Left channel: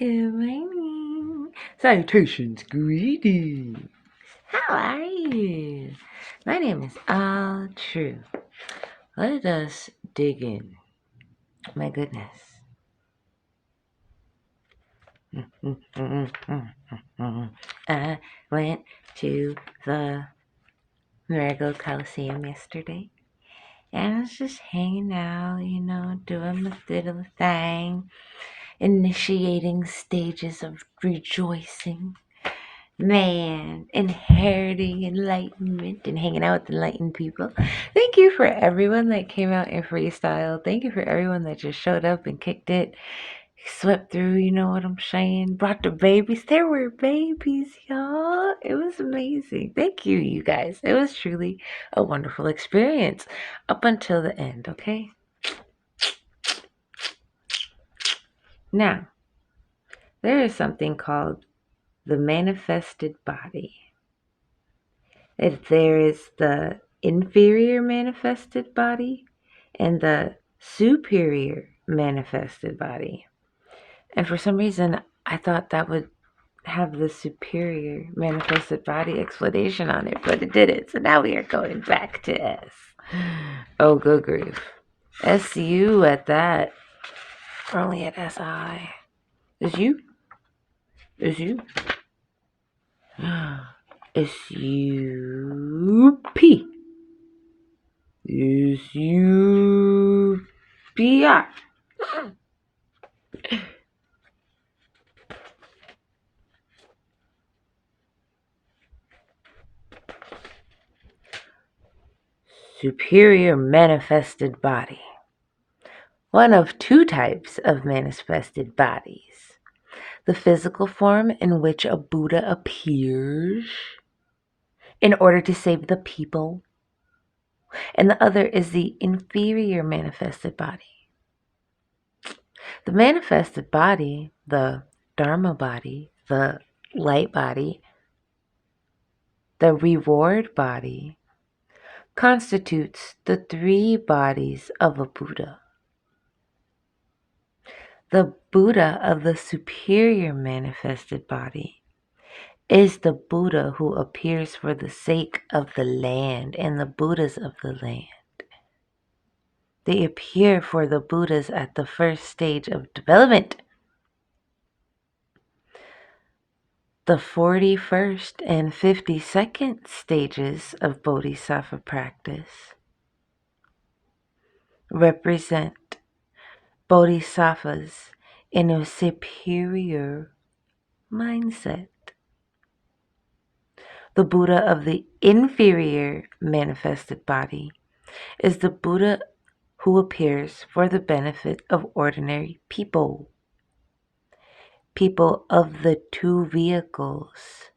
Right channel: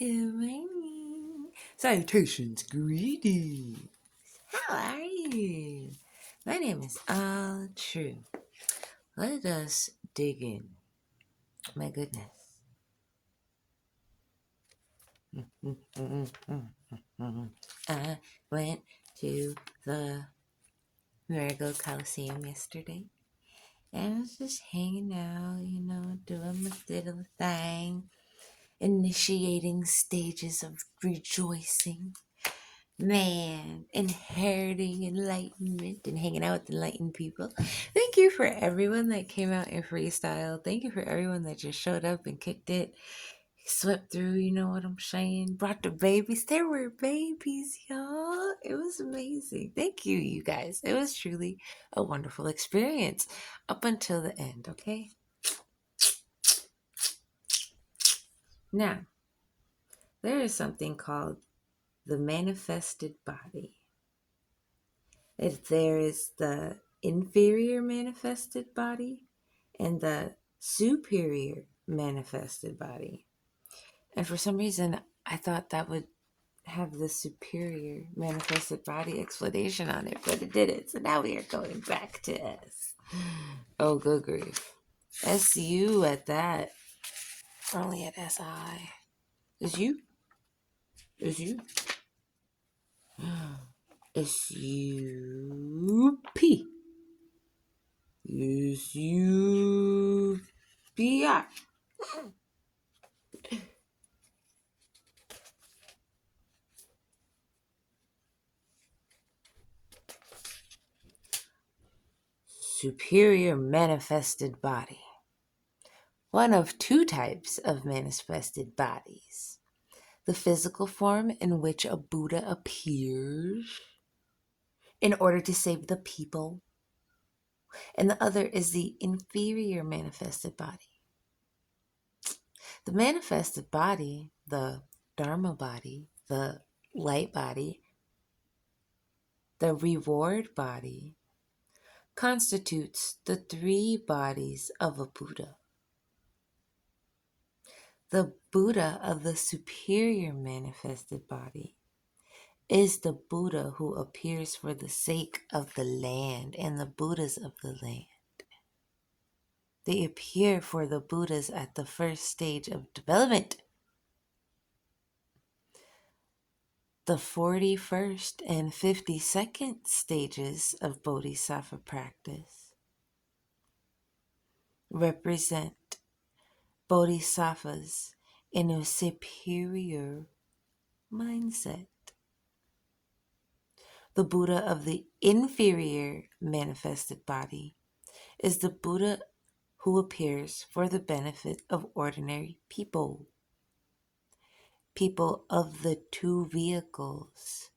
Good morning. Salutations, greetings. How are you? My name is Alu-tru. Let us dig in. My goodness. I went to the Marigold Coliseum yesterday. And I was just hanging out, doing my little thing, initiating stages of rejoicing. Man, inheriting enlightenment and hanging out with enlightened people. Thank you for everyone that came out in freestyle. Thank you for everyone that just showed up and kicked it, swept through, you know what I'm saying? Brought the babies. There were babies, y'all. It was amazing. Thank you, you guys. It was truly a wonderful experience up until the end, okay? Now, there is something called the manifested body. If there is the inferior manifested body and the superior manifested body. And for some reason, I thought that would have the superior manifested body explanation on it, but it didn't. So now we are going back to S. Oh, good grief. SU at that. We're only at SI. Is you? Is you? S-U-P. S-U-P-R. Superior manifested body. One of two types of manifested bodies. The physical form in which a Buddha appears in order to save the people. And the other is the inferior manifested body. The manifested body, the Dharma body, the light body, the reward body, constitutes the three bodies of a Buddha. The Buddha of the superior manifested body is the Buddha who appears for the sake of the land and the Buddhas of the land. They appear for the Buddhas at the first stage of development. The 41st and 52nd stages of Bodhisattva practice represent Bodhisattvas in a superior mindset. The Buddha of the inferior manifested body is the Buddha who appears for the benefit of ordinary people. People of the two vehicles,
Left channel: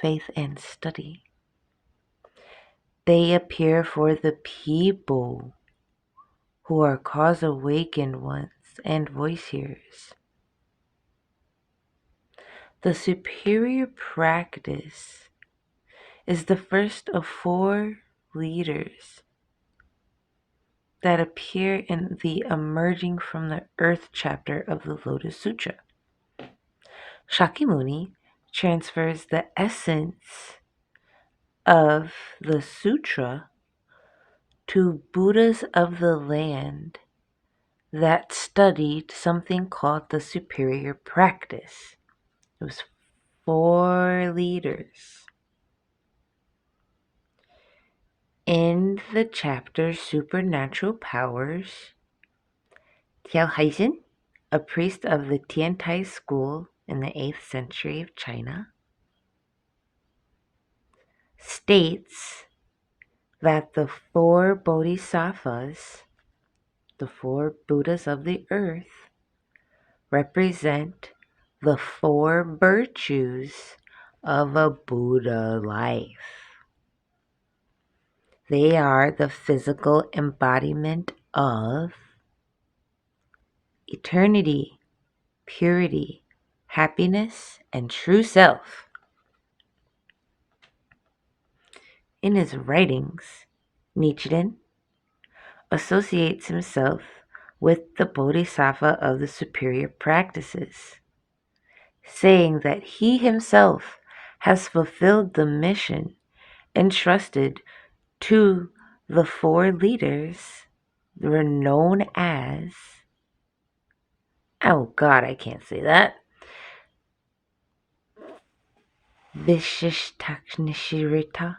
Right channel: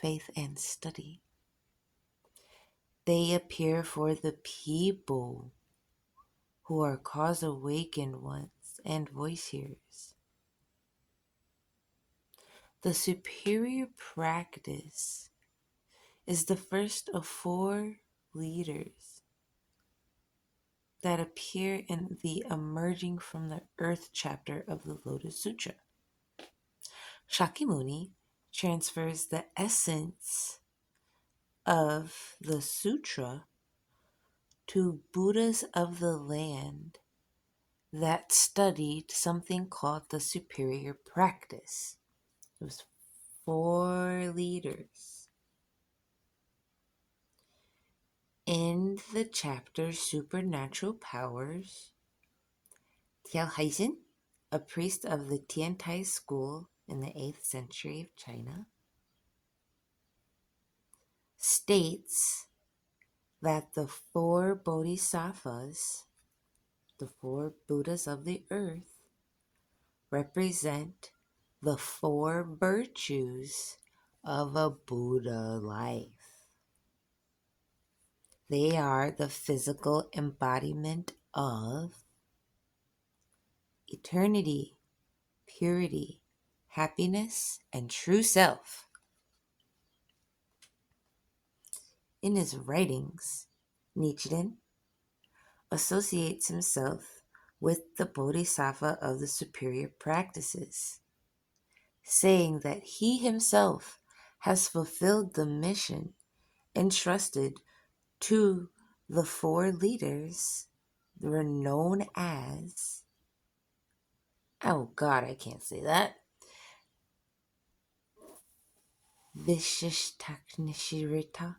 faith and study. They appear for the people who are cause awakened ones and voice hearers. The superior practice is the first of four leaders that appear in the Emerging from the Earth chapter of the Lotus Sutra. Shakyamuni transfers the essence of the sutra to Buddhas of the land that studied something called the superior practice. It was four leaders. In the chapter Supernatural Powers, Tiao Haizhen, a priest of the Tiantai school in the 8th century of China, states that the four bodhisattvas, the four Buddhas of the earth, represent the four virtues of a Buddha life. They are the physical embodiment of eternity, purity, happiness, and true self. In his writings, Nichiren associates himself with the Bodhisattva of the superior practices. saying that he himself has fulfilled the mission entrusted to the four leaders that were known as, oh God, I can't say that, Vishishtaknishirita,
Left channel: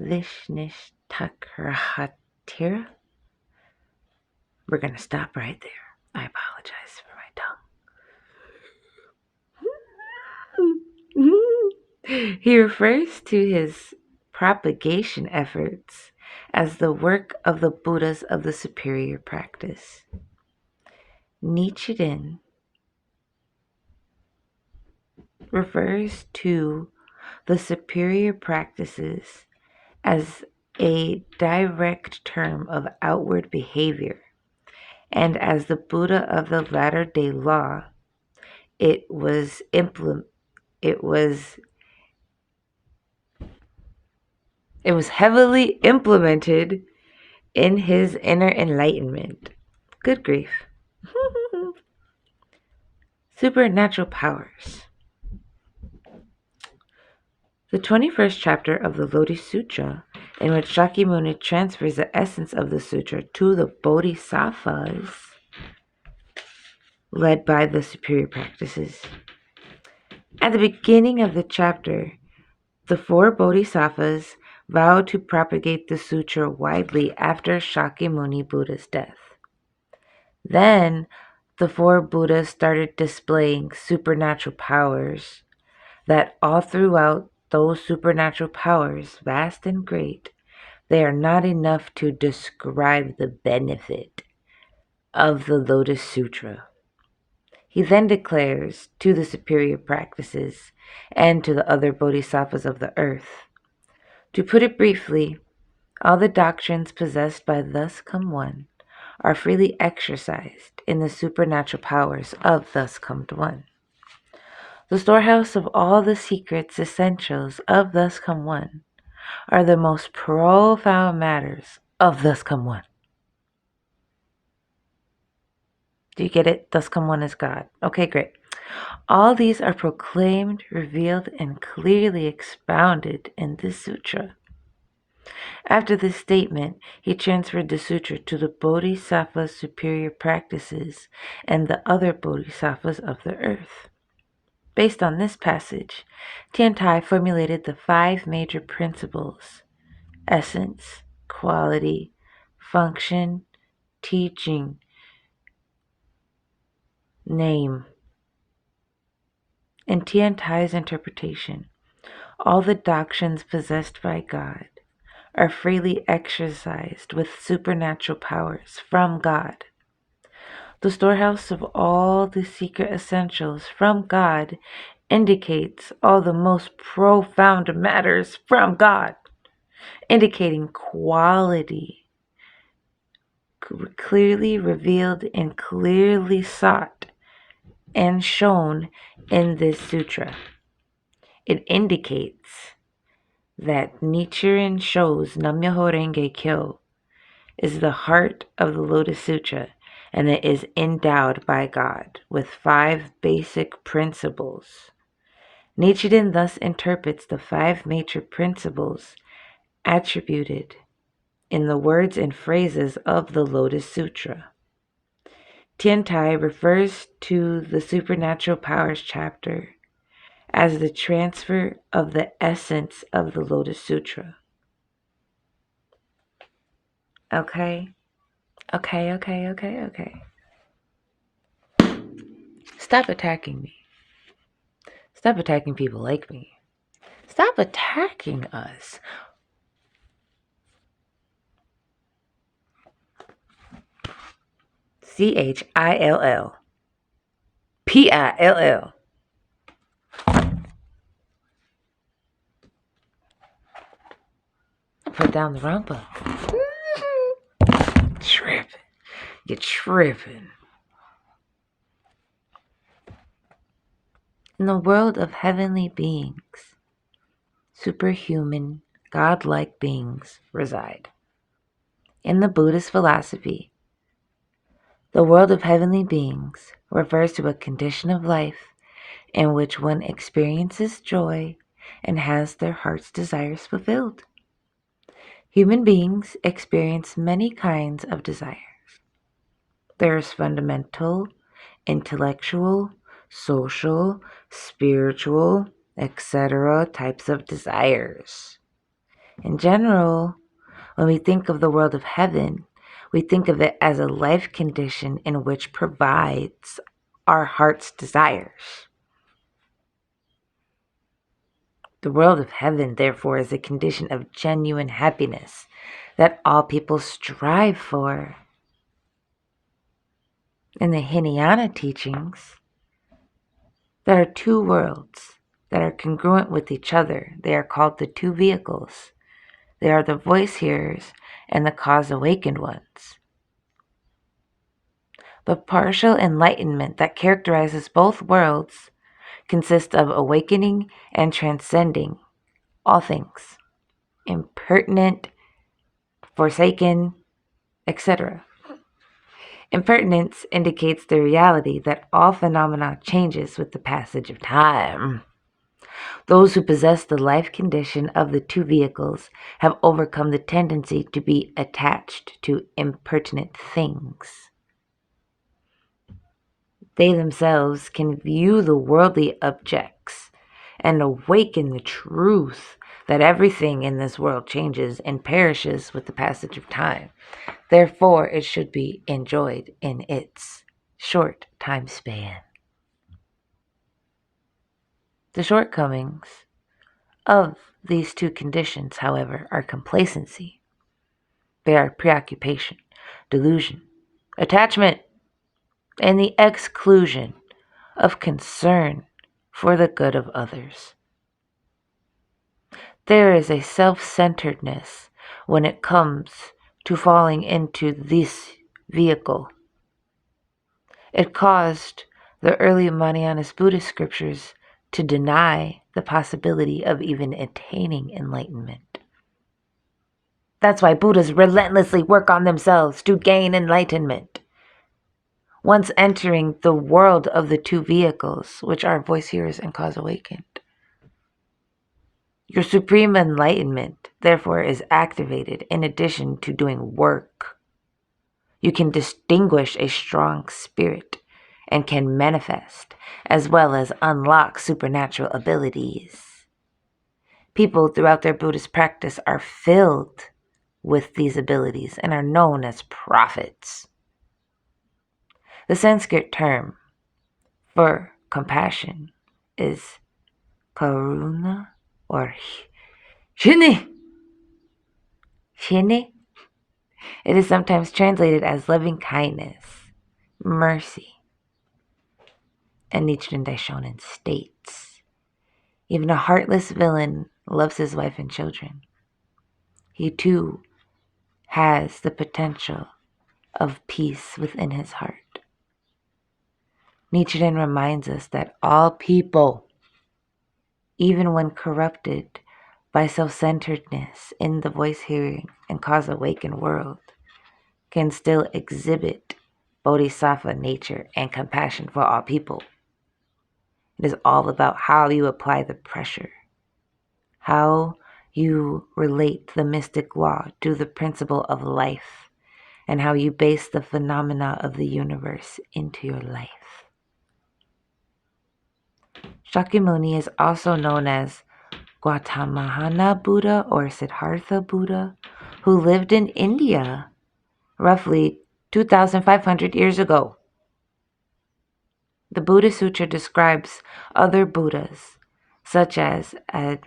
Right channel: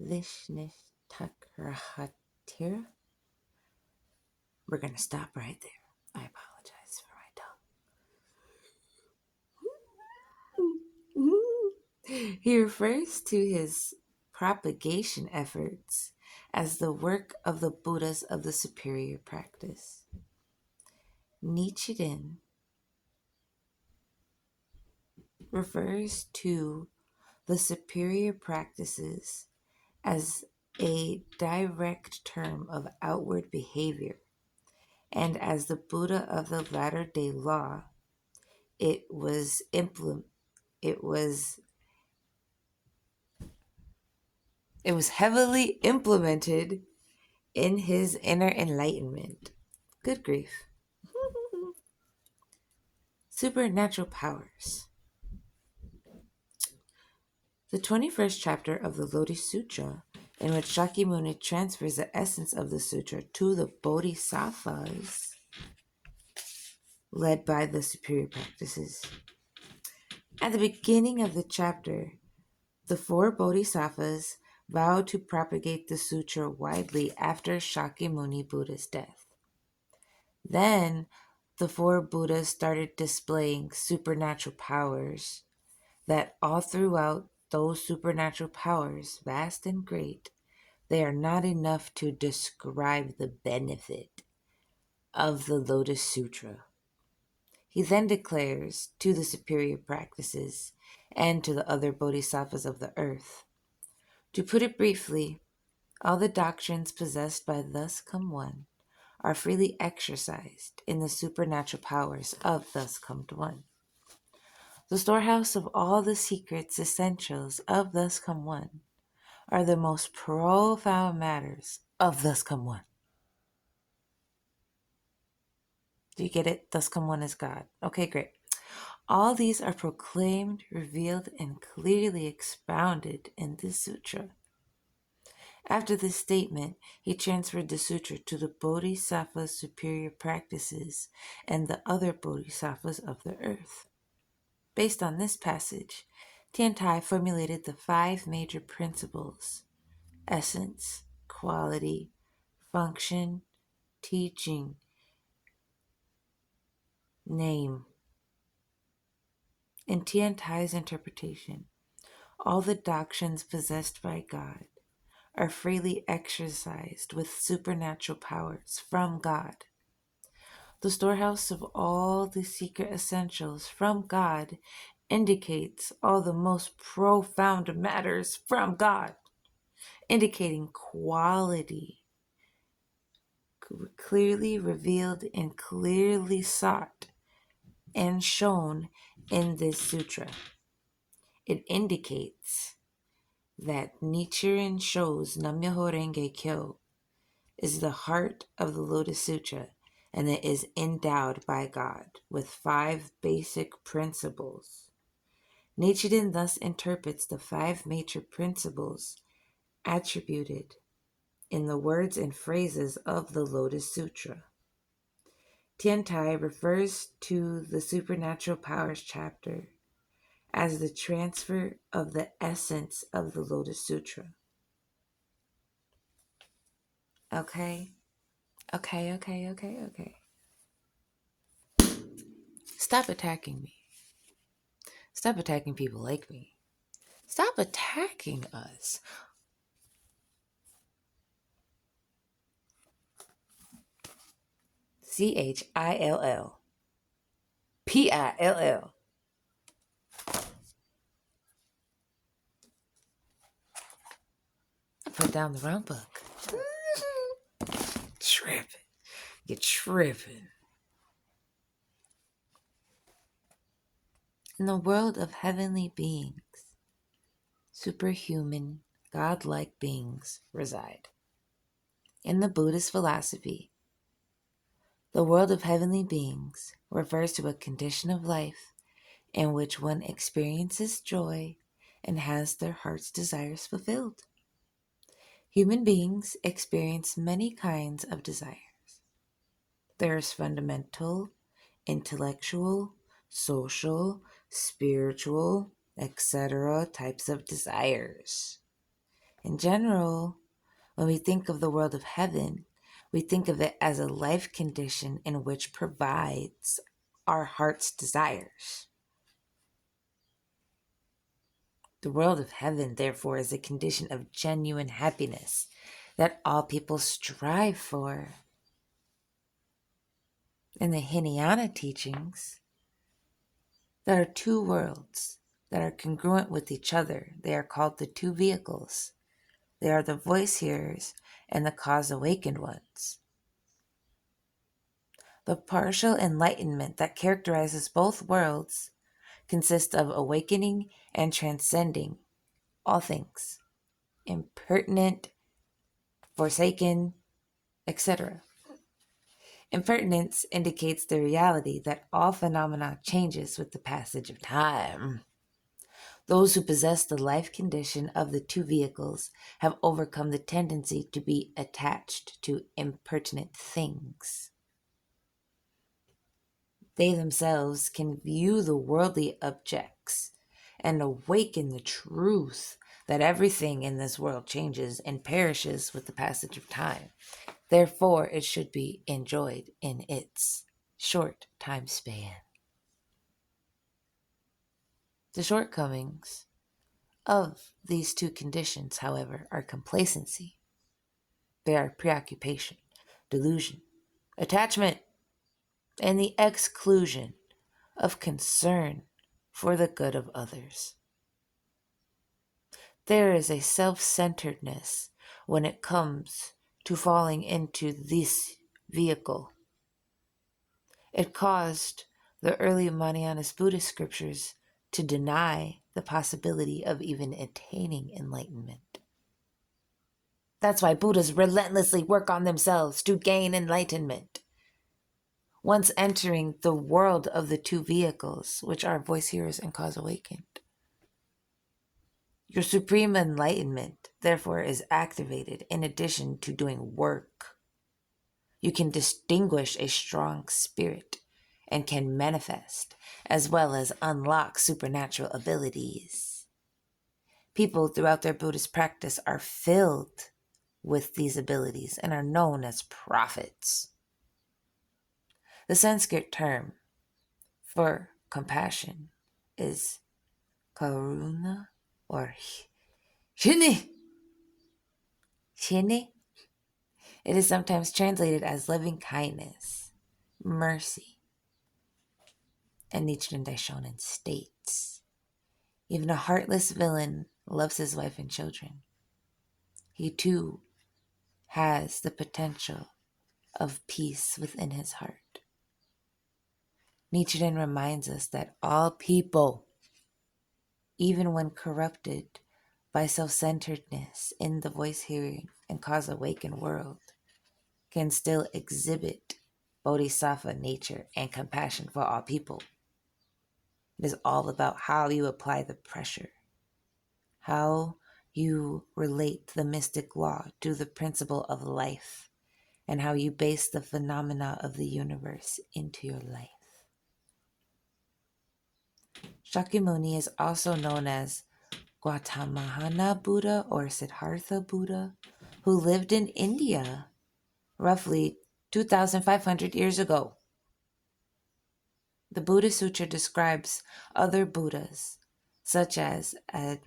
Vishnishtakrahatira. We're going to stop right there. I apologize for my tongue. He refers to his propagation efforts as the work of the Buddhas of the superior practice. Nichiren refers to the superior practices as a direct term of outward behavior, and as the Buddha of the latter-day law, it was heavily implemented in his inner enlightenment. Good grief. Supernatural powers. The 21st chapter of the Lodi Sutra, in which Shakyamuni transfers the essence of the sutra to the bodhisattvas led by the superior practices. At the beginning of the chapter, the four bodhisattvas vowed to propagate the sutra widely after Shakyamuni Buddha's death. Then, the four Buddhas started displaying supernatural powers that all throughout those supernatural powers, vast and great, they are not enough to describe the benefit of the Lotus Sutra. He then declares to the superior practices and to the other bodhisattvas of the earth, to put it briefly, all the doctrines possessed by Thus Come One are freely exercised in the supernatural powers of Thus Come One. The storehouse of all the secrets essentials of Thus Come One are the most profound matters of Thus Come One. Do you get it? Thus Come One is God. Okay, great. All these are proclaimed, revealed, and clearly expounded in this sutra. After this statement, he transferred the sutra to the Bodhisattva's superior practices and the other Bodhisattvas of the earth. Based on this passage, Tiantai formulated the 5 major principles: essence, quality, function, teaching, name. In Tiantai's interpretation, all the doctrines possessed by God are freely exercised with supernatural powers from God. The storehouse of all the secret essentials from God indicates all the most profound matters from God, indicating quality, clearly revealed and clearly sought and shown in this sutra. It indicates that Nichiren shows Nam-myoho Renge Kyo is the heart of the Lotus Sutra, and it is endowed by God with 5 basic principles. Nichiren thus interprets the 5 major principles attributed in the words and phrases of the Lotus Sutra. Tiantai refers to the Supernatural Powers chapter as the transfer of the essence of the Lotus Sutra. Okay? Okay. Stop attacking me. Stop attacking people like me. Stop attacking us. CHILL. PILL. I put down the wrong book. Tripping. You're tripping. In the world of heavenly beings, superhuman, godlike beings reside. In the Buddhist philosophy, the world of heavenly beings refers to a condition of life in which one experiences joy and has their heart's desires fulfilled. Human beings experience many kinds of desires. There's fundamental, intellectual, social, spiritual, etc. types of desires. In general, when we think of the world of heaven, we think of it as a life condition in which provides our heart's desires. The world of heaven, therefore, is a condition of genuine happiness that all people strive for. In the Hinayana teachings, there are two worlds that are congruent with each other. They are called the two vehicles. They are the voice hearers and the cause awakened ones. The partial enlightenment that characterizes both worlds consists of awakening and transcending all things, impertinent, forsaken, etc. Impertinence indicates the reality that all phenomena changes with the passage of time. Those who possess the life condition of the two vehicles have overcome the tendency to be attached to impertinent things. They themselves can view the worldly objects and awaken the truth that everything in this world changes and perishes with the passage of time. Therefore, it should be enjoyed in its short time span. The shortcomings of these two conditions, however, are complacency. They are preoccupation, delusion, attachment, and the exclusion of concern for the good of others. There is a self-centeredness when it comes to falling into this vehicle. It caused the early Mahāyāna Buddhist scriptures to deny the possibility of even attaining enlightenment. That's why Buddhas relentlessly work on themselves to gain enlightenment. Once entering the world of the two vehicles, which are voice hearers and cause awakened, your supreme enlightenment, therefore, is activated in addition to doing work. You can distinguish a strong spirit and can manifest, as well as unlock supernatural abilities. People throughout their Buddhist practice are filled with these abilities and are known as prophets. The Sanskrit term for compassion is karuna or shini. Shini. It is sometimes translated as loving kindness, mercy. And Nichiren Daishonin states, even a heartless villain loves his wife and children. He too has the potential of peace within his heart. Nichiren reminds us that all people, even when corrupted by self-centeredness in the voice-hearing and cause-awakened world, can still exhibit bodhisattva nature and compassion for all people. It is all about how you apply the pressure, how you relate the mystic law to the principle of life, and how you base the phenomena of the universe into your life. Shakyamuni is also known as Gautama Buddha or Siddhartha Buddha, who lived in India roughly 2,500 years ago. The Buddha Sutra describes other Buddhas, such as, I'm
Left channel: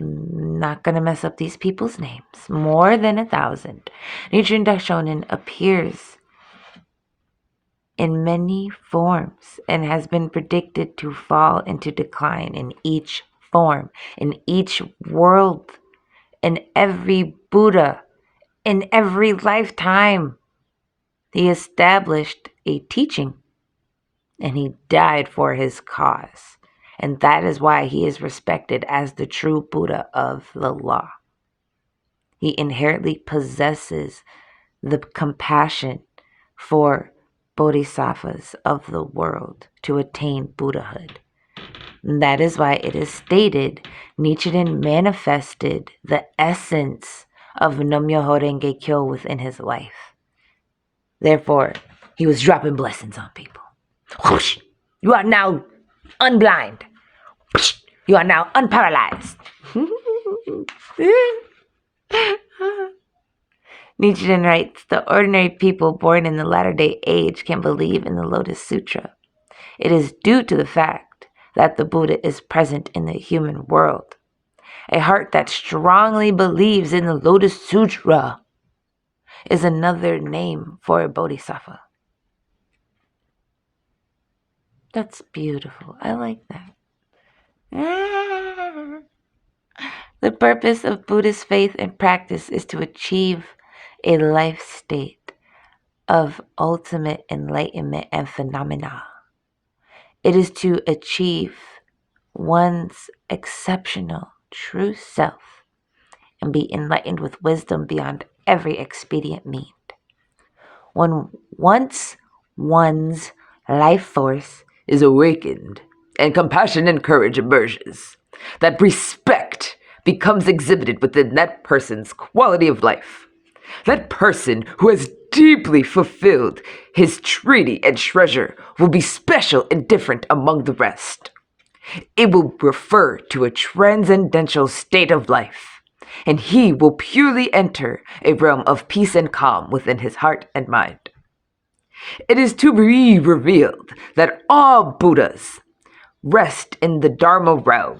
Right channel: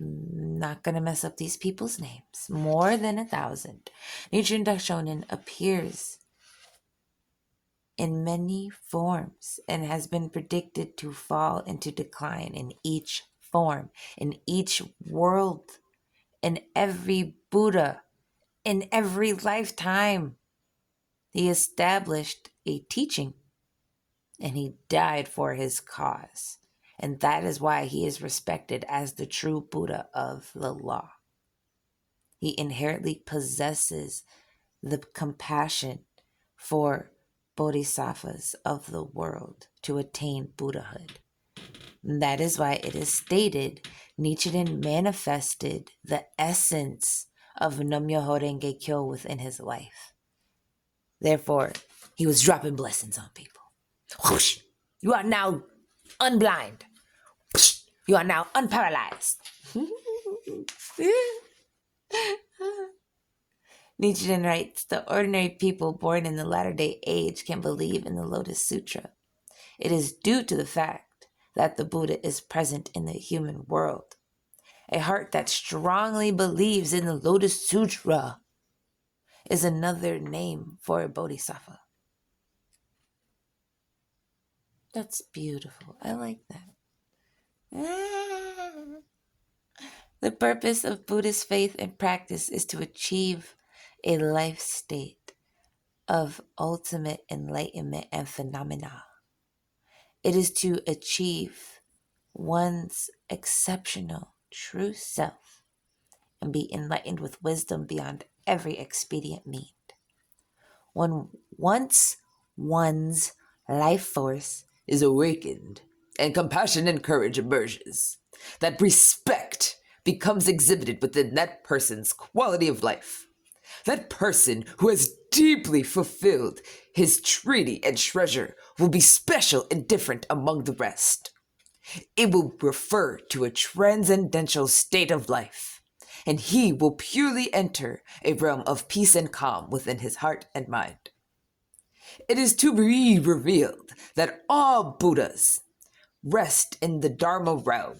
not going to mess up these people's names, more than 1,000. Nichiren Daishonin appears in many forms and has been predicted to fall into decline in each form, in each world, in every Buddha, in every lifetime. He established a teaching and he died for his cause. And that is why he is respected as the true Buddha of the law. He inherently possesses the compassion for bodhisattvas of the world to attain Buddhahood. That is why it is stated Nichiren manifested the essence of Nam-myoho Renge Kyo within his life. Therefore, he was dropping blessings on people. Whoosh! You are now unblind. Whoosh! You are now unparalyzed. Nichiren writes, the ordinary people born in the latter-day age can believe in the Lotus Sutra. It is due to the fact that the Buddha is present in the human world. A heart that strongly believes in the Lotus Sutra is another name for a bodhisattva. That's beautiful. I like that. The purpose of Buddhist faith and practice is to achieve a life state of ultimate enlightenment and phenomena. It is to achieve one's exceptional true self and be enlightened with wisdom beyond every expedient means. Once one's life force is awakened and compassion and courage emerges, that respect becomes exhibited within that person's quality of life. That person who has deeply fulfilled his treaty and treasure will be special and different among the rest. It will refer to a transcendental state of life, and he will purely enter a realm of peace and calm within his heart and mind. It is to be revealed that all Buddhas rest in the Dharma realm.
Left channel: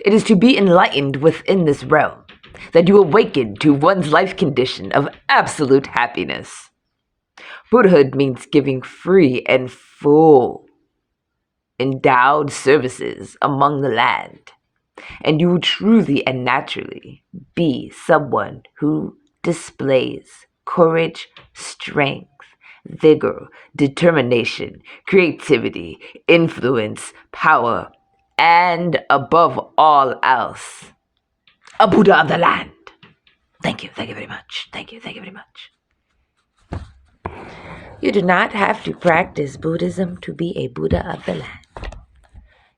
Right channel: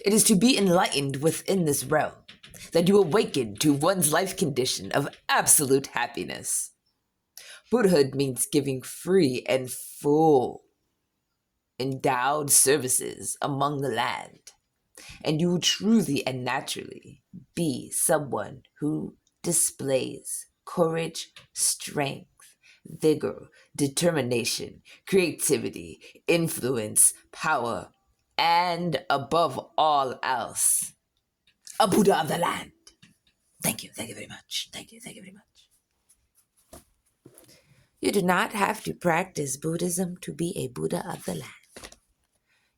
It is to be enlightened within this realm that you awaken to one's life condition of absolute happiness. Buddhahood means giving free and full endowed services among the land, and you will truly and naturally be someone who displays courage, strength, vigor, determination, creativity, influence, power, and above all else, a Buddha of the land. Thank you very much. Thank you very much. You do not have to practice Buddhism to be a Buddha of the land.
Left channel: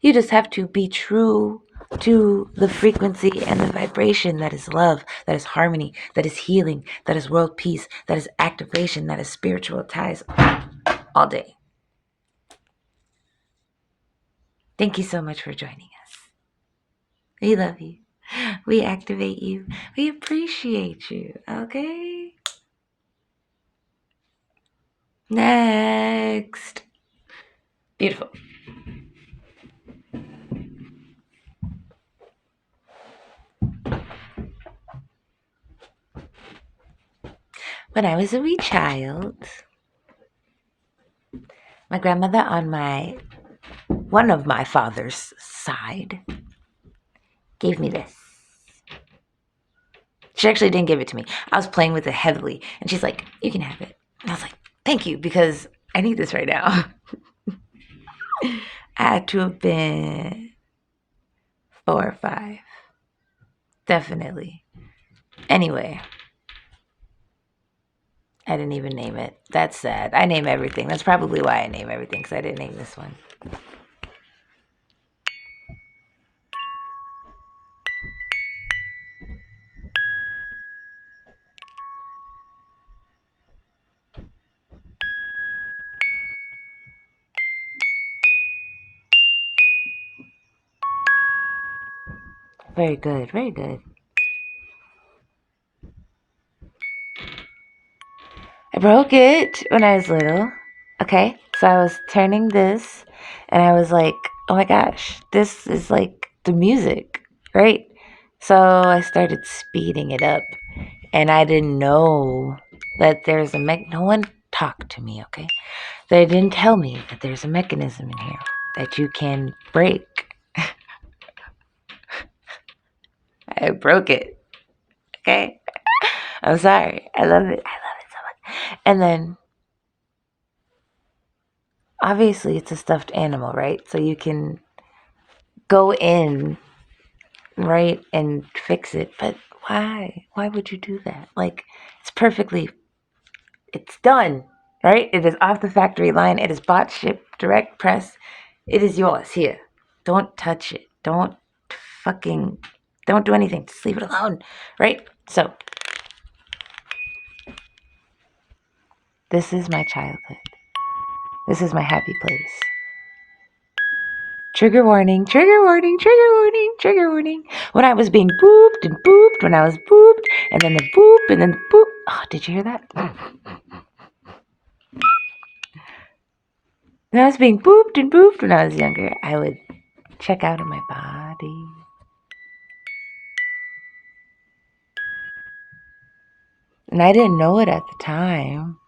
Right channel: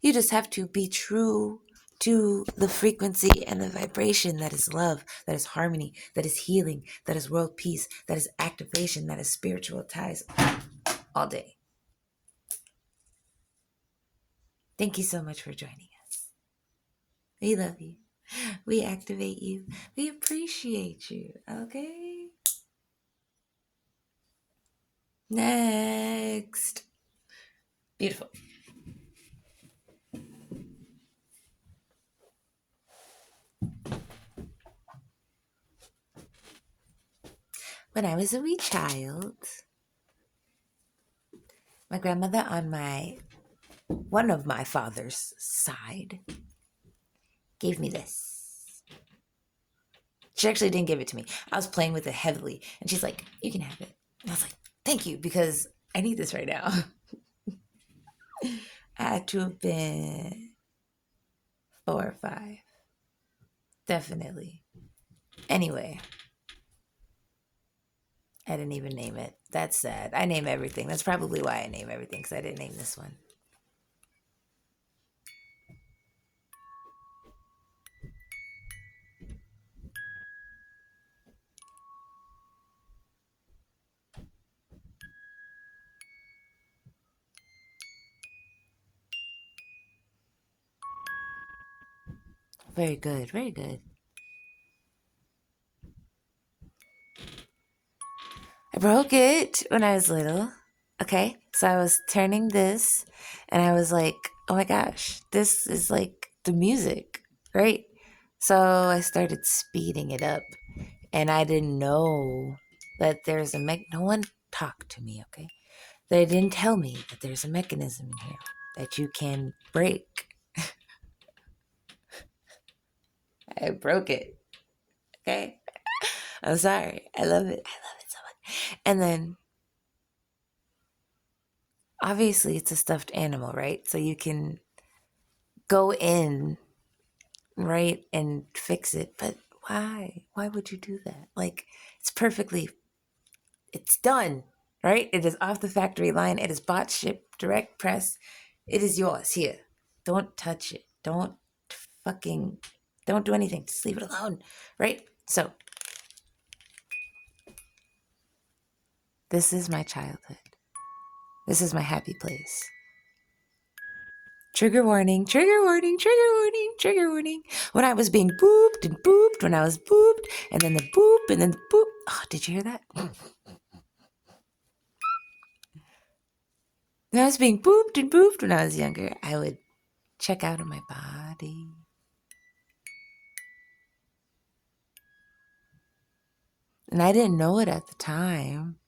You just have to be true to the frequency and the vibration that is love, that is harmony, that is healing, that is world peace, that is activation, that is spiritual ties all day. Thank you so much for joining us. We love you. We activate you. We appreciate you, okay? Next. Beautiful. When I was a wee child, my grandmother on one of my father's side gave me this. She actually didn't give it to me. I was playing with it heavily, and she's like, you can have it. And I was like, thank you, because I need this right now. I had to have been 4 or 5. Definitely. Anyway, I didn't even name it. That's sad. I name everything. That's probably why I name everything, because I didn't name this one. Very good, very good. I broke it when I was little. Okay, so I was turning this, and I was like, oh my gosh, this is like the music, right? So I started speeding it up, and I didn't know that there's no one talked to me, okay? They didn't tell me that there's a mechanism in here that you can break. I broke it, okay? I'm sorry. I love it. I love it so much. And then, obviously, it's a stuffed animal, right? So you can go in, right, and fix it. But why? Why would you do that? Like, it's done, right? It is off the factory line. It is bought, shipped, direct press. It is yours. Here. Don't touch it. Don't do anything. Just leave it alone. Right? So, this is my childhood. This is my happy place. Trigger warning, trigger warning, trigger warning, trigger warning. When I was being booped and booped, when I was booped, and then the boop, and then the boop. Oh, did you hear that? When I was being booped and booped when I was younger, I would check out of my body. And I didn't know it at the time.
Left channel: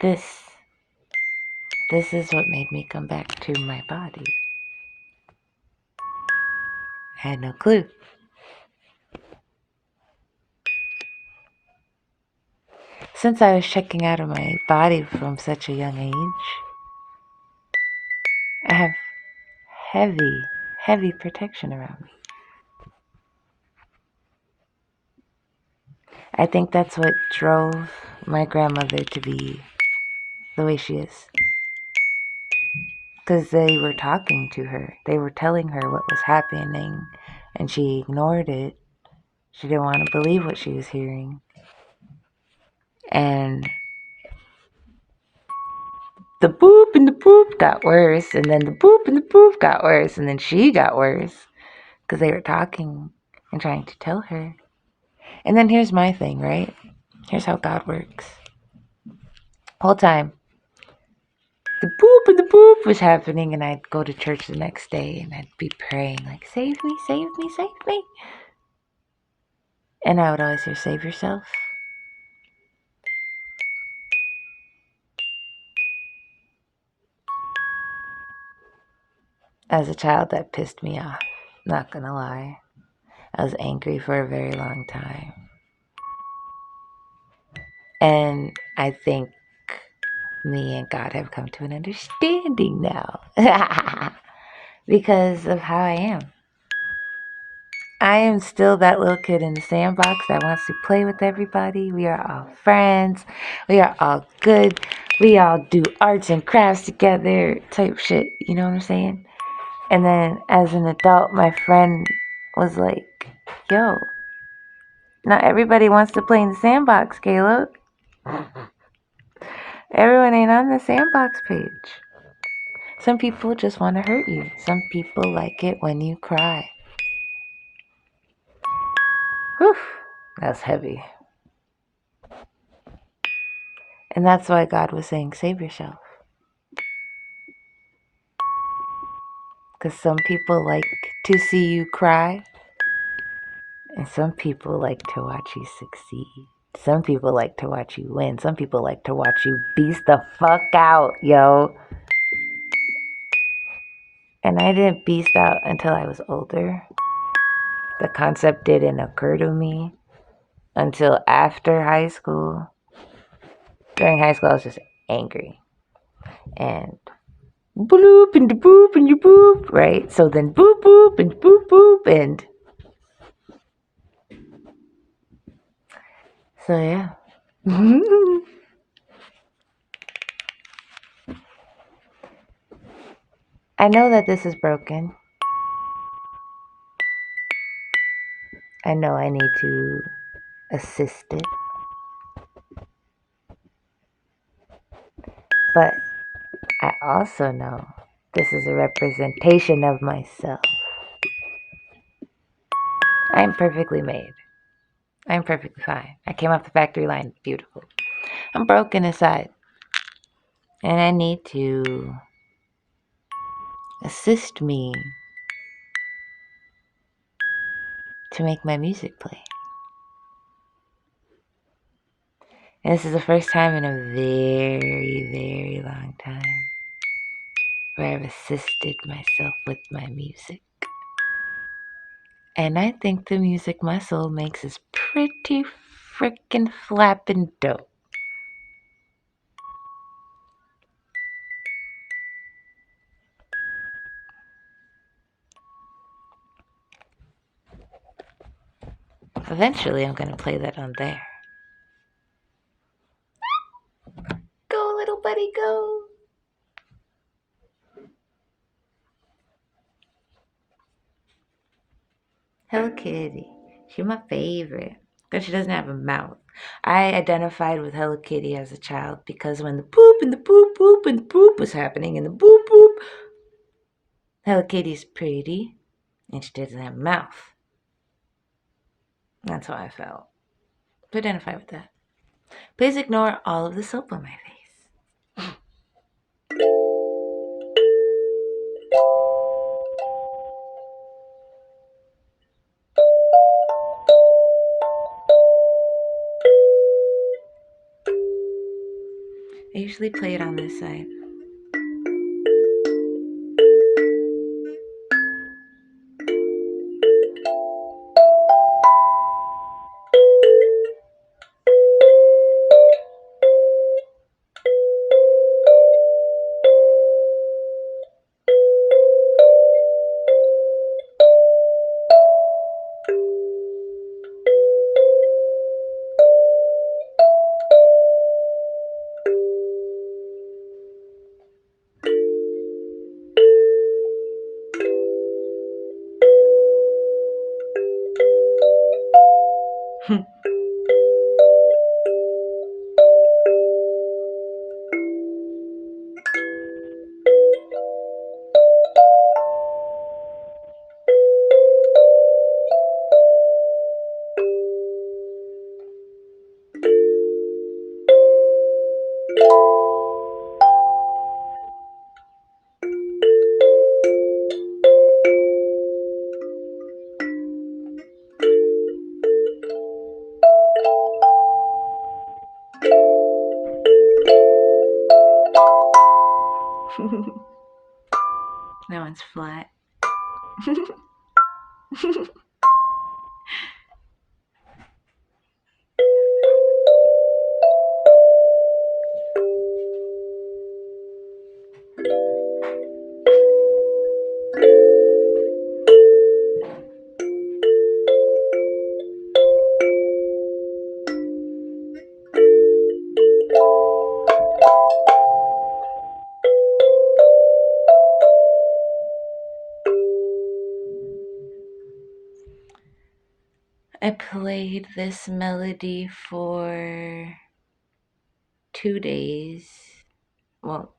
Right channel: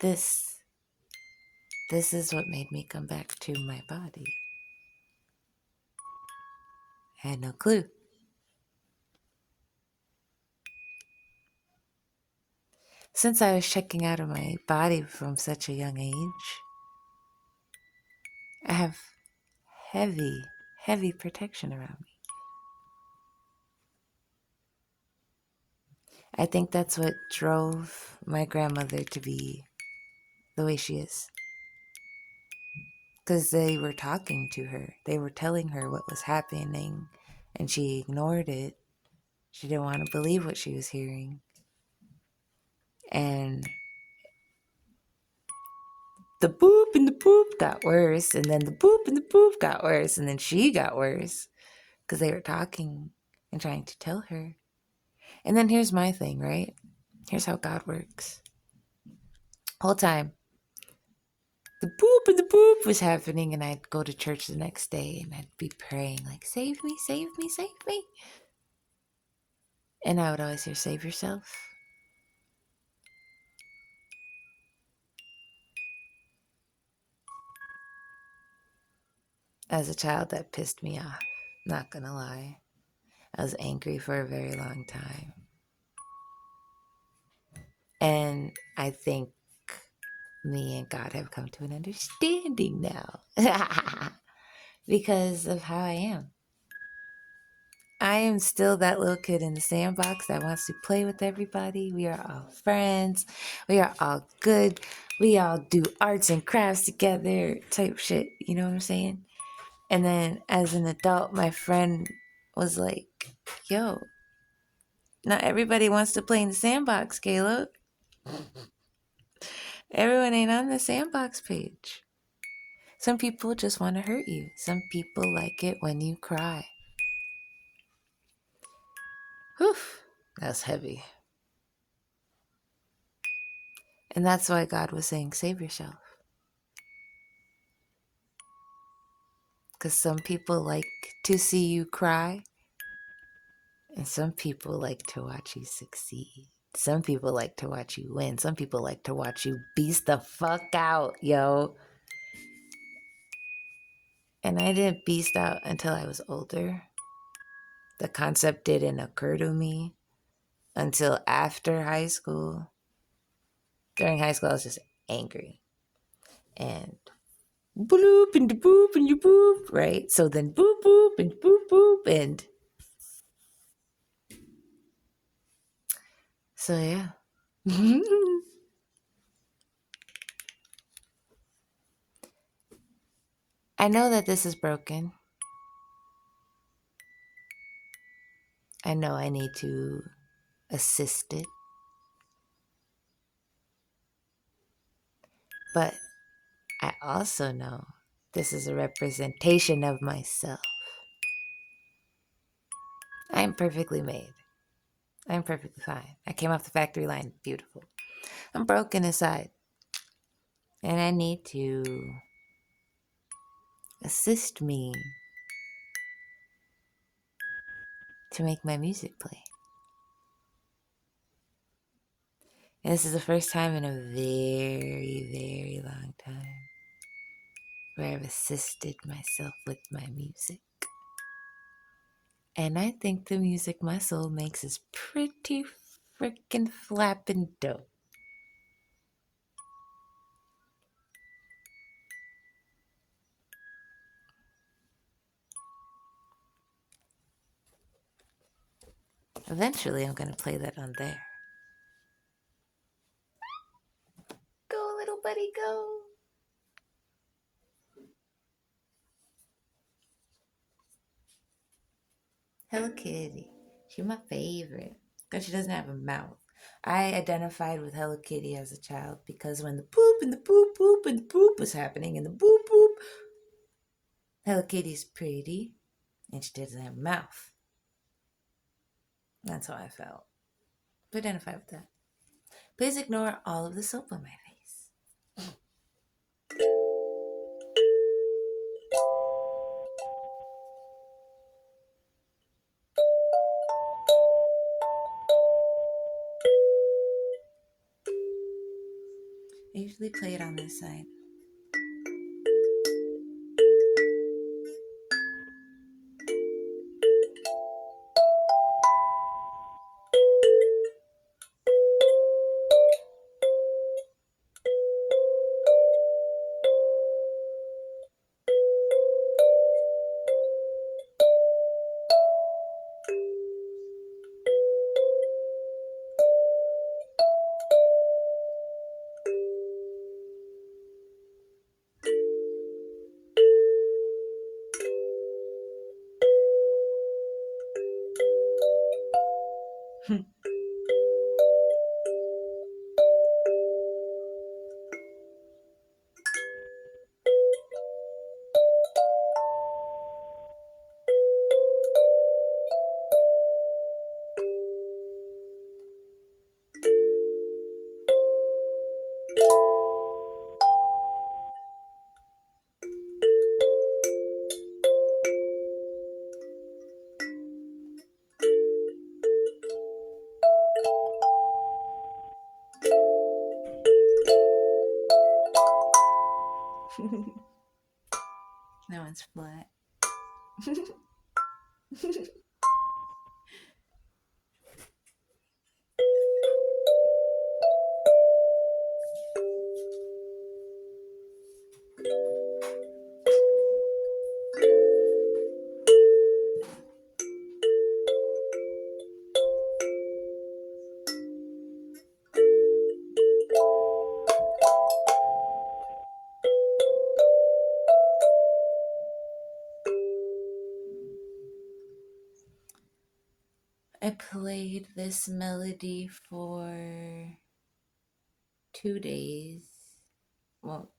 This is what made me come back to my body. I had no clue. Since I was checking out of my body from such a young age, I have heavy, heavy protection around me. I think that's what drove my grandmother to be the way she is. Because they were talking to her. They were telling her what was happening, and she ignored it. She didn't want to believe what she was hearing. And the boop and the boop got worse, and then the boop and the boop got worse, and then she got worse because they were talking and trying to tell her. And then here's my thing, right? Here's how God works. Whole time, the boop and the boop was happening, and I'd go to church the next day, and I'd be praying, like, save me, save me, save me. And I would always hear, save yourself. As a child, that pissed me off. Not gonna lie. I was angry for a very long time. And I think me and God have come to an understanding now because of how I am. I am still that little kid in the sandbox that wants to play with everybody. We are all friends. We are all good. We all do arts and crafts together type shit. You know what I'm saying? And then as an adult, my friend was like, yo, not everybody wants to play in the sandbox, Caleb. Everyone ain't on the sandbox page. Some people just want to hurt you. Some people like it when you cry. Whew, that's heavy. And that's why God was saying, save yourself. Because some people like to see you cry. And some people like to watch you succeed. Some people like to watch you win. Some people like to watch you beast the fuck out, yo. And I didn't beast out until I was older. The concept didn't occur to me until after high school. During high school, I was just angry. And bloop and boop and you boop, right? So then boop boop and boop boop and so yeah. I know that this is broken. I know I need to assist it. But I also know this is a representation of myself. I'm perfectly made. I'm perfectly fine. I came off the factory line beautiful. I'm broken inside. And I need to assist me to make my music play. And this is the first time in a very, very long time where I've assisted myself with my music. And I think the music my soul makes is pretty freaking flappin' dope. Eventually, I'm going to play that on there. Go, little buddy, Hello Kitty. She's my favorite because she doesn't have a mouth. I identified with Hello Kitty as a child because when the poop and the poop poop and the poop was happening and the boop boop, Hello Kitty's pretty and she doesn't have a mouth. That's how I felt. To identify with that. Please ignore all of the soap on my face. I usually play it on this side. That one's flat. I played this melody for 2 days. Well,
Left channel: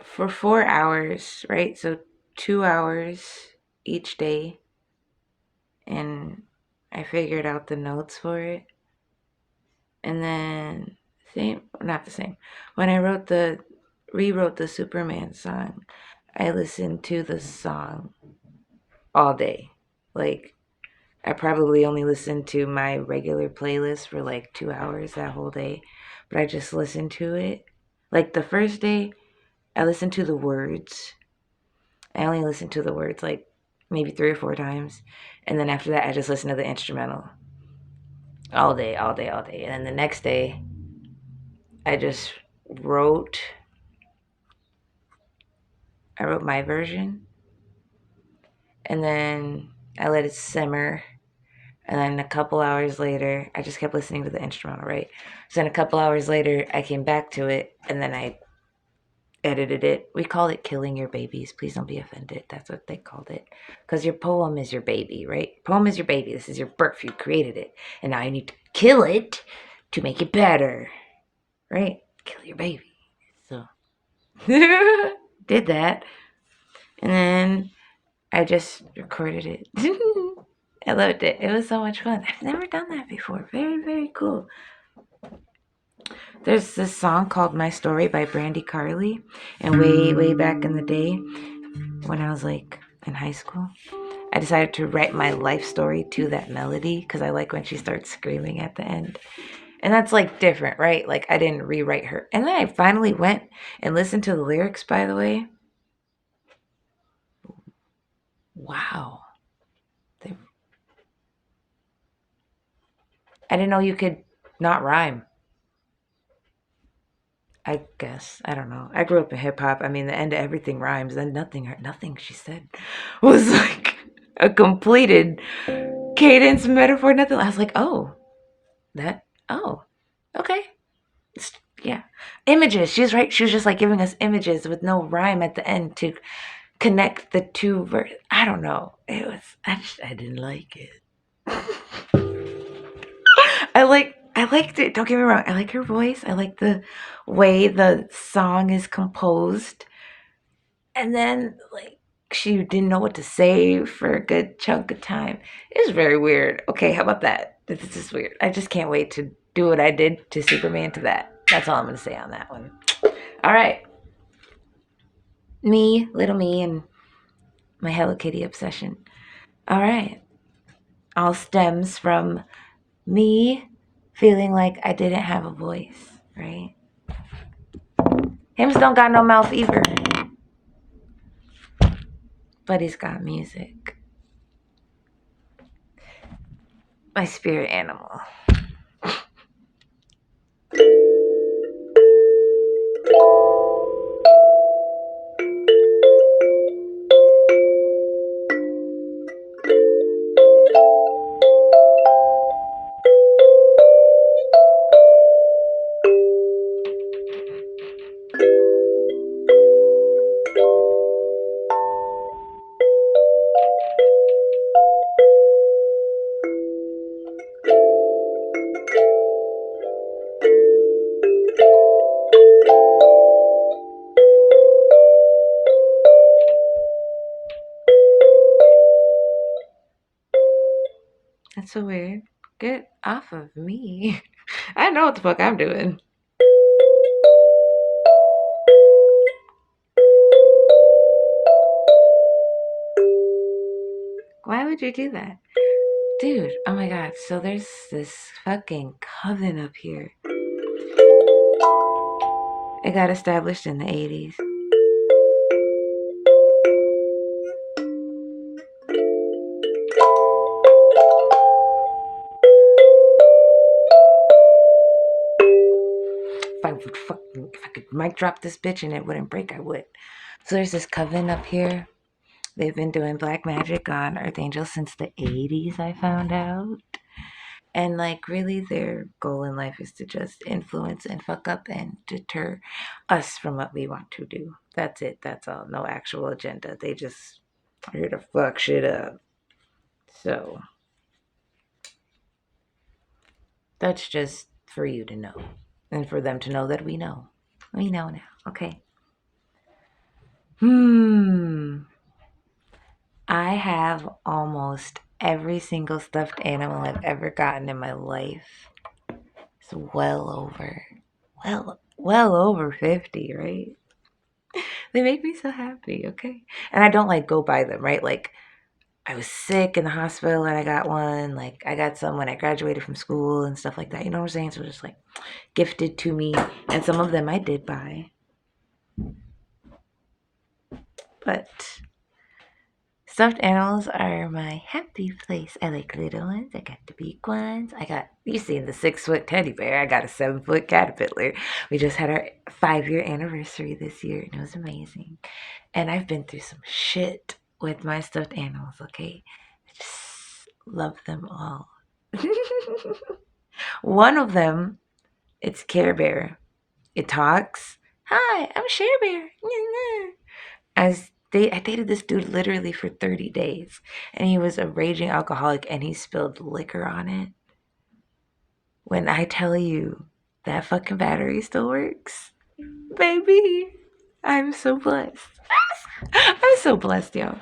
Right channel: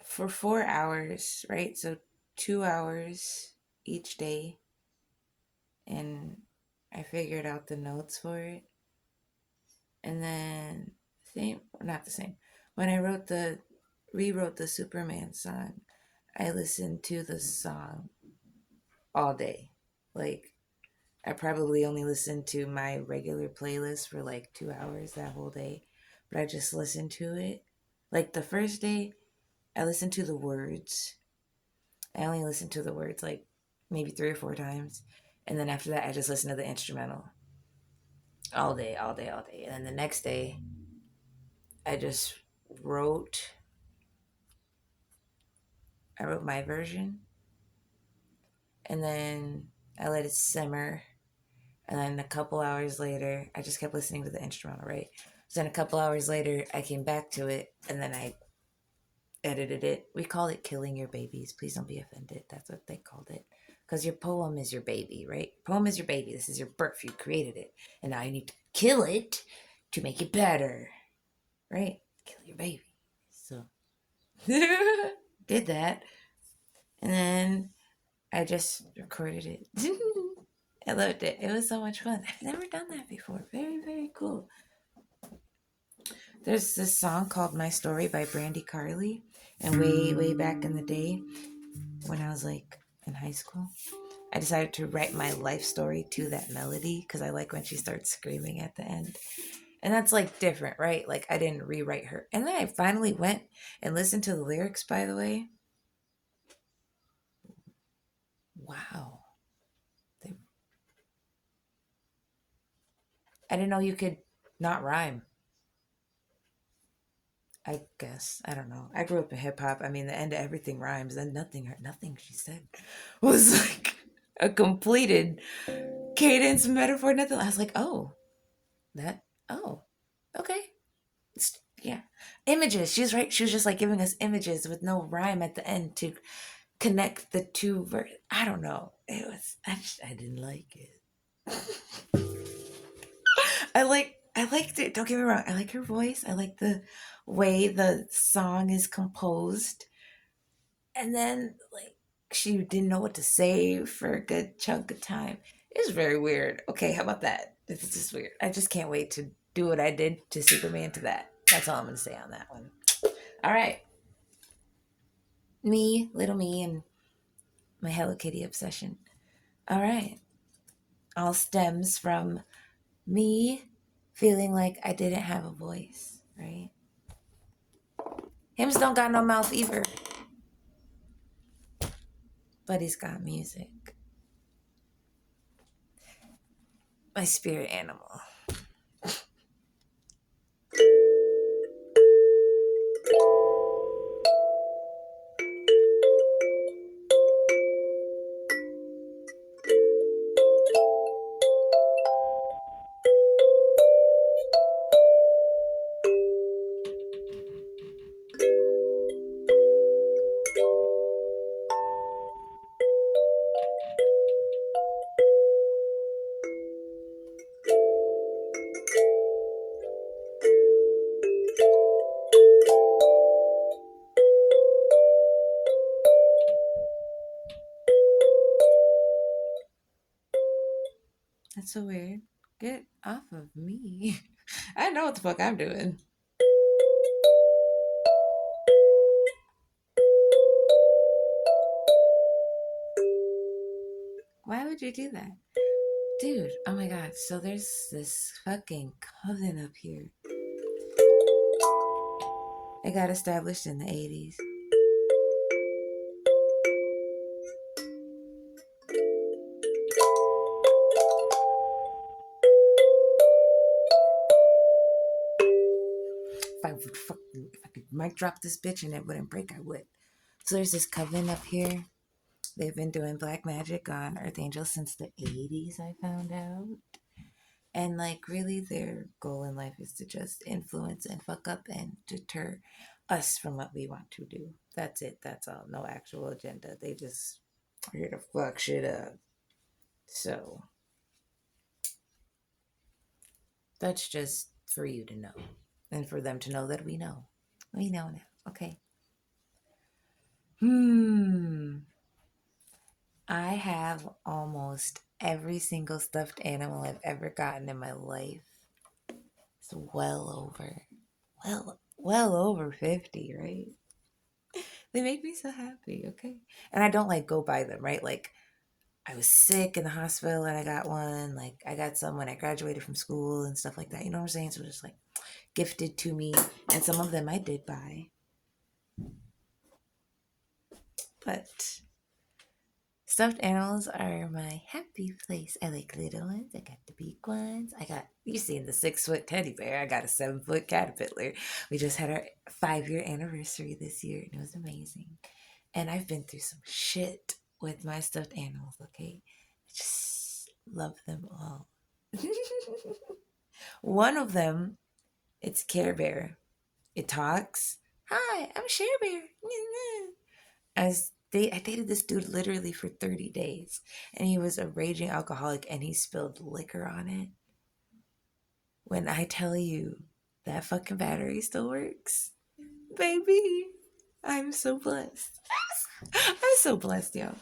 for 4 hours, right? So 2 hours each day. And I figured out the notes for it. And then, not the same. When I rewrote the Superman song, I listened to the song all day. Like, I probably only listened to my regular playlist for like 2 hours that whole day, but I just listened to it. Like the first day, I listened to the words. I only listened to the words like maybe 3 or 4 times. And then after that, I just listened to the instrumental all day, all day, all day. And then the next day, I just wrote, I wrote my version. And then I let it simmer. And then a couple hours later, I just kept listening to the instrumental, right? So then a couple hours later, I came back to it and then I edited it. We call it killing your babies. Please don't be offended. That's what they called it. Because your poem is your baby, right? Poem is your baby. This is your birth. You created it. And now you need to kill it to make it better, right? Kill your baby. So, did that. And then I just recorded it. I loved it. It was so much fun. I've never done that before. Very, very cool. There's this song called My Story by Brandy Carly. And way, way back in the day, when I was like in high school, I decided to write my life story to that melody because I like when she starts screaming at the end. And that's like different, right? Like I didn't rewrite her. And then I finally went and listened to the lyrics, by the way. Wow. I didn't know you could not rhyme. I guess. I don't know. I grew up in hip hop. I mean, the end of everything rhymes. Then nothing she said was like a completed cadence, metaphor, nothing. I was like, oh, okay. Yeah. Images. She's right. She was just like giving us images with no rhyme at the end to connect the two verses. I don't know. It was I didn't like it. I liked it. Don't get me wrong. I like her voice. I like the way the song is composed. And then like she didn't know what to say for a good chunk of time. It was very weird. Okay, how about that? This is weird. I just can't wait to do what I did to Superman to that. That's all I'm gonna say on that one. All right. Little me, and my Hello Kitty obsession. All right. All stems from me feeling like I didn't have a voice, right? Hims don't got no mouth either, but he's got music. My spirit animal. That's so weird. Get off of me. I know what the fuck I'm doing. Why would you do that? Dude, oh my god. So there's this fucking coven up here. It got established in the 80s. If I could mic drop this bitch and it wouldn't break, I would. So there's this coven up here. They've been doing black magic on Earth Angel since the 80s, I found out. And like really their goal in life is to just influence and fuck up and deter us from what we want to do. That's it. That's all. No actual agenda. They just are here to fuck shit up. So that's just for you to know. And for them to know that we know. We know now. Okay. I have almost every single stuffed animal I've ever gotten in my life. It's well over 50, right? They make me so happy, okay? And I don't like go buy them, right? Like I was sick in the hospital and I got one. Like I got some when I graduated from school and stuff like that. You know what I'm saying? So just like gifted to me. And some of them I did buy. But stuffed animals are my happy place. I like little ones. I got the big ones. You seen the 6-foot teddy bear. I got a 7-foot caterpillar. We just had our 5-year anniversary this year and it was amazing. And I've been through some shit with my stuffed animals, okay? I just love them all. One of them, it's Care Bear. It talks. Hi, I'm Share Bear. I dated this dude literally for 30 days, and he was a raging alcoholic, and he spilled liquor on it. When I tell you that fucking battery still works, baby, I'm so blessed. I'm so blessed, yo.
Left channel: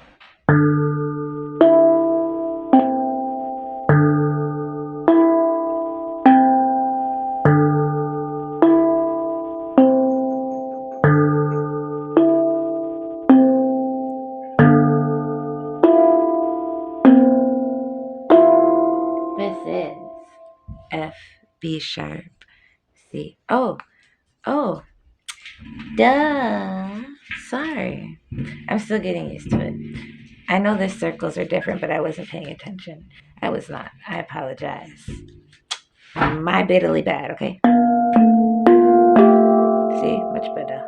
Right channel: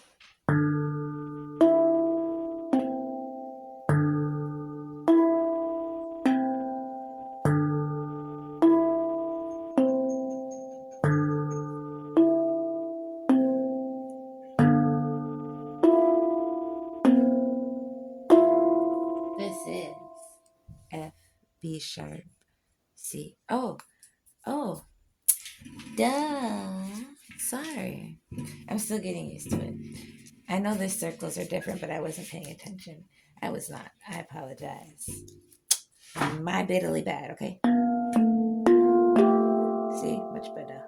This is F, B sharp, C. Oh, duh. Sorry. I'm still getting used to it. I know the circles are different, but I wasn't paying attention. I was not. I apologize. My bitterly bad, okay? See? Much better.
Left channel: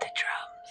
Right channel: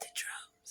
The drums.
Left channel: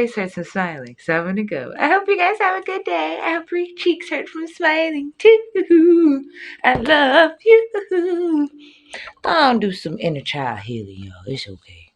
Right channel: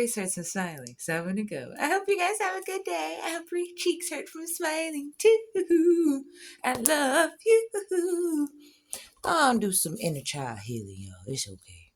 face hurts from smiling, so I'm gonna go. I hope you guys have a good day. I hope your cheeks hurt from smiling too. I love you. I'll do some inner child healing, y'all. It's okay.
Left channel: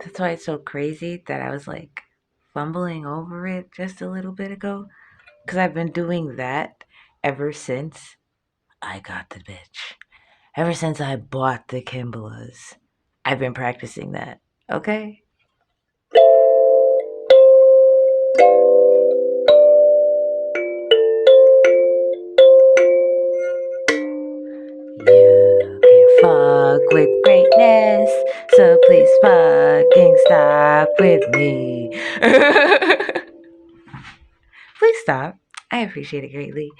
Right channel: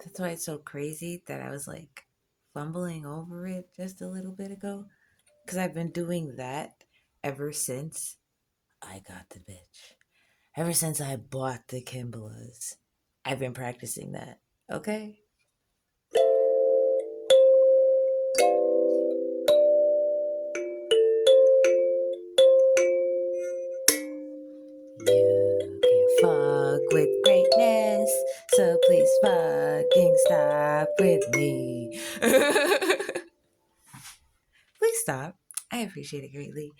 That's why it's so crazy that I was like fumbling over it just a little bit ago. Because I've been doing that ever since I got the bitch. Ever since I bought the Kimbalas, I've been practicing that. Okay? You can't fuck with greatness, so please fucking stop with me. Please stop. I appreciate it greatly.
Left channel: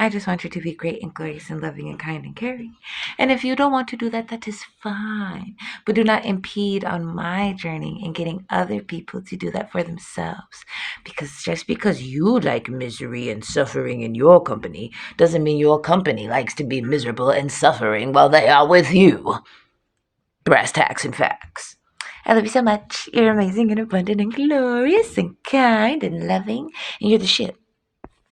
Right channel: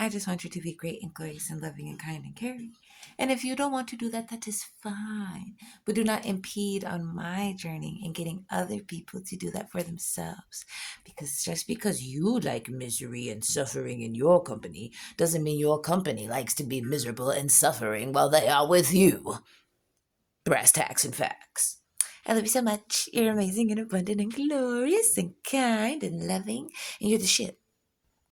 I just want you to be great and glorious and loving and kind and caring. And if you don't want to do that, that is fine. But do not impede on my journey in getting other people to do that for themselves. Because just because you like misery and suffering in your company doesn't mean your company likes to be miserable and suffering while they are with you. Brass tacks and facts. I love you so much. You're amazing and abundant and glorious and kind and loving. And you're the shit.